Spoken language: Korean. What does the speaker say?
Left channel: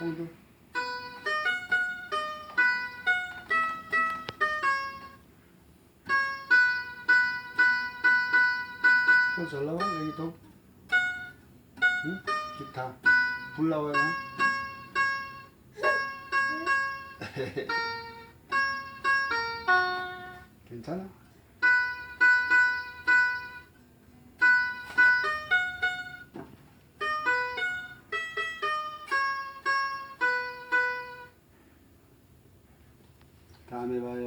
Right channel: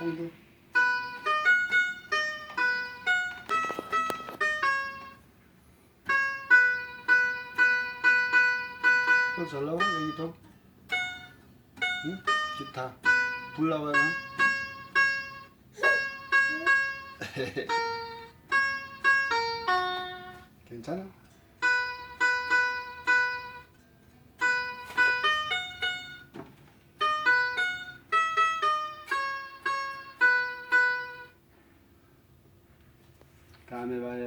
사운드. 또 잘 나와 여기도. 응? 기타 불 나와요. 괜찮아? 다음에 봐요.